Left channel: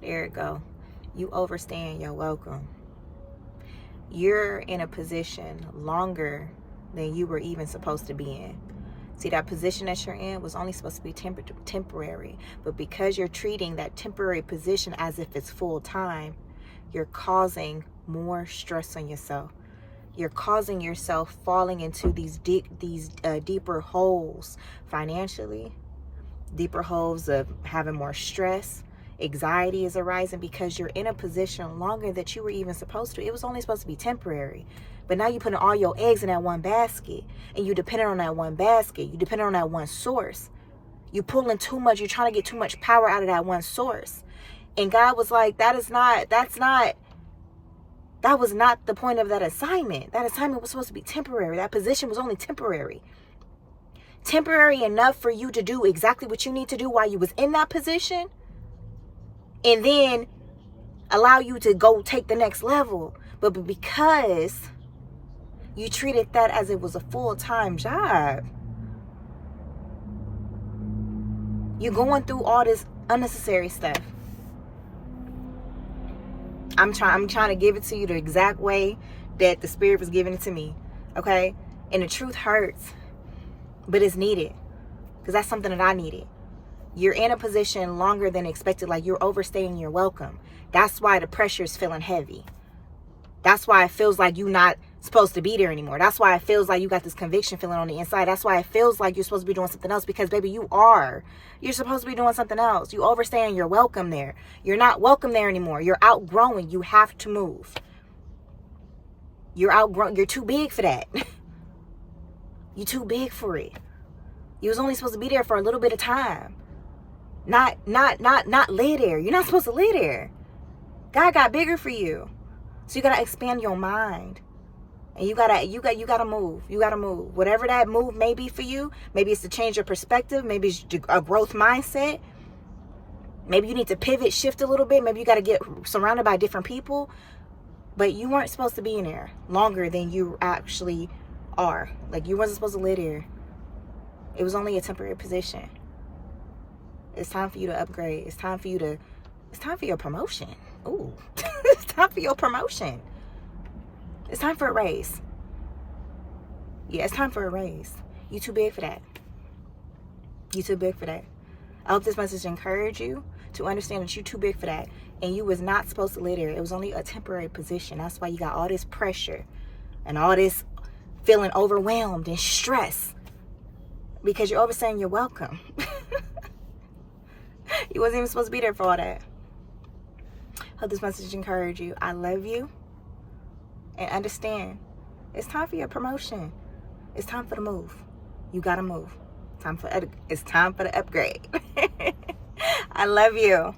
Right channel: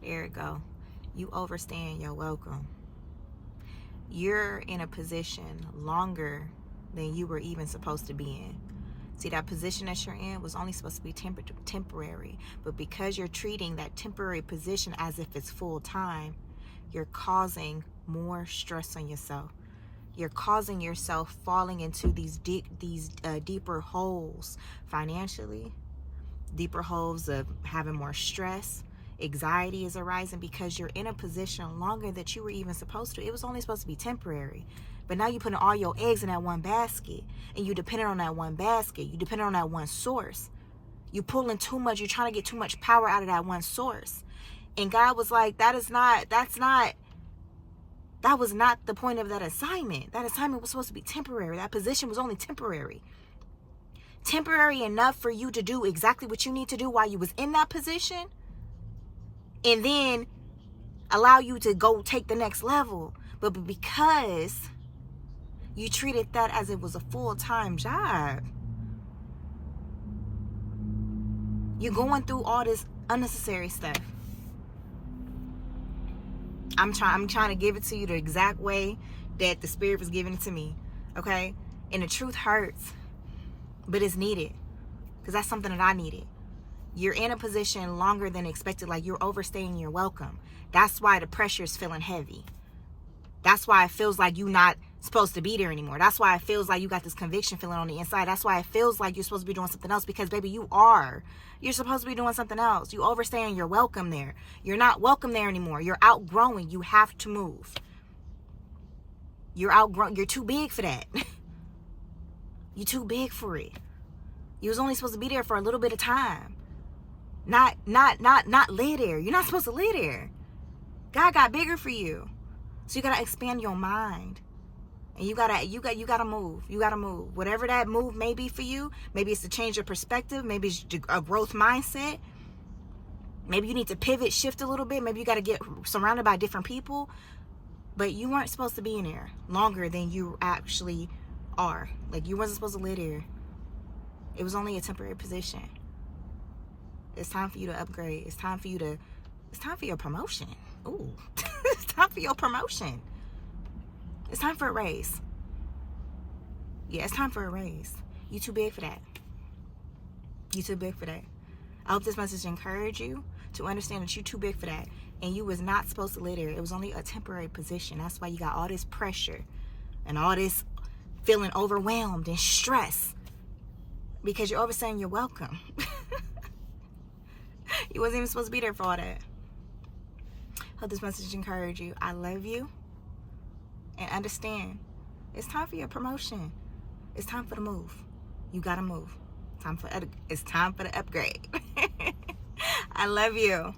There it go. You overstaying your welcome. You're in a position longer than you were even supposed to be in. See, that position that you're in was only supposed to be temporary. But because you're treating that temporary position as if it's full time, you're causing more stress on yourself. You're causing yourself falling into these deeper holes financially, deeper holes of having more stress. Anxiety is arising because you're in a position longer than you were even supposed to. It was only supposed to be temporary. But now you're putting all your eggs in that one basket, and you dependent on that one basket. You dependent on that one source. You're pulling too much. You're trying to get too much power out of that one source. And God was like, that was not the point of that assignment. That assignment was supposed to be temporary. That position was only temporary. Temporary enough for you to do exactly what you need to do while you was in that position, and then allow you to go take the next level. But because you treated that as it was a full-time job, you're going through all this unnecessary stuff. I'm trying to give it to you the exact way that the Spirit was giving it to me. Okay? And the truth hurts, but it's needed. Because that's something that I needed. You're in a position longer than expected, like you're overstaying your welcome. That's why the pressure is feeling heavy. That's why it feels like you're not supposed to be there anymore. That's why it feels like you got this conviction feeling on the inside. That's why it feels like you're supposed to be doing something else, because baby, you are. You're supposed to be doing something else. You overstaying your welcome there. You're not welcome there anymore. You're outgrowing. You have to move. You're outgrown. You're too big for that. You're too big for it. You was only supposed to be there for a little bit of time. Not lay there. You're not supposed to lay there. God got bigger for you. So you gotta expand your mind. And you gotta move. You gotta move. Whatever that move may be for you, maybe it's to change your perspective, maybe it's a growth mindset. Maybe you need to pivot, shift a little bit. Maybe you gotta get surrounded by different people. But you weren't supposed to be in there longer than you actually are. Like, you wasn't supposed to live there. It was only a temporary position. It's time for you to upgrade. It's time for your promotion. Ooh, it's time for your promotion. It's time for a raise. Yeah, it's time for a raise. You too big for that. You too big for that. I hope this message encouraged you to understand that you're too big for that. And you was not supposed to live there. It was only a temporary position. That's why you got all this pressure and all this feeling overwhelmed and stress, because you're overstaying your welcome. You wasn't even supposed to be there for all that. Hope this message encouraged you. I love you. And understand, it's time for your promotion. It's time for the move. You gotta move. It's time for the upgrade. I love you.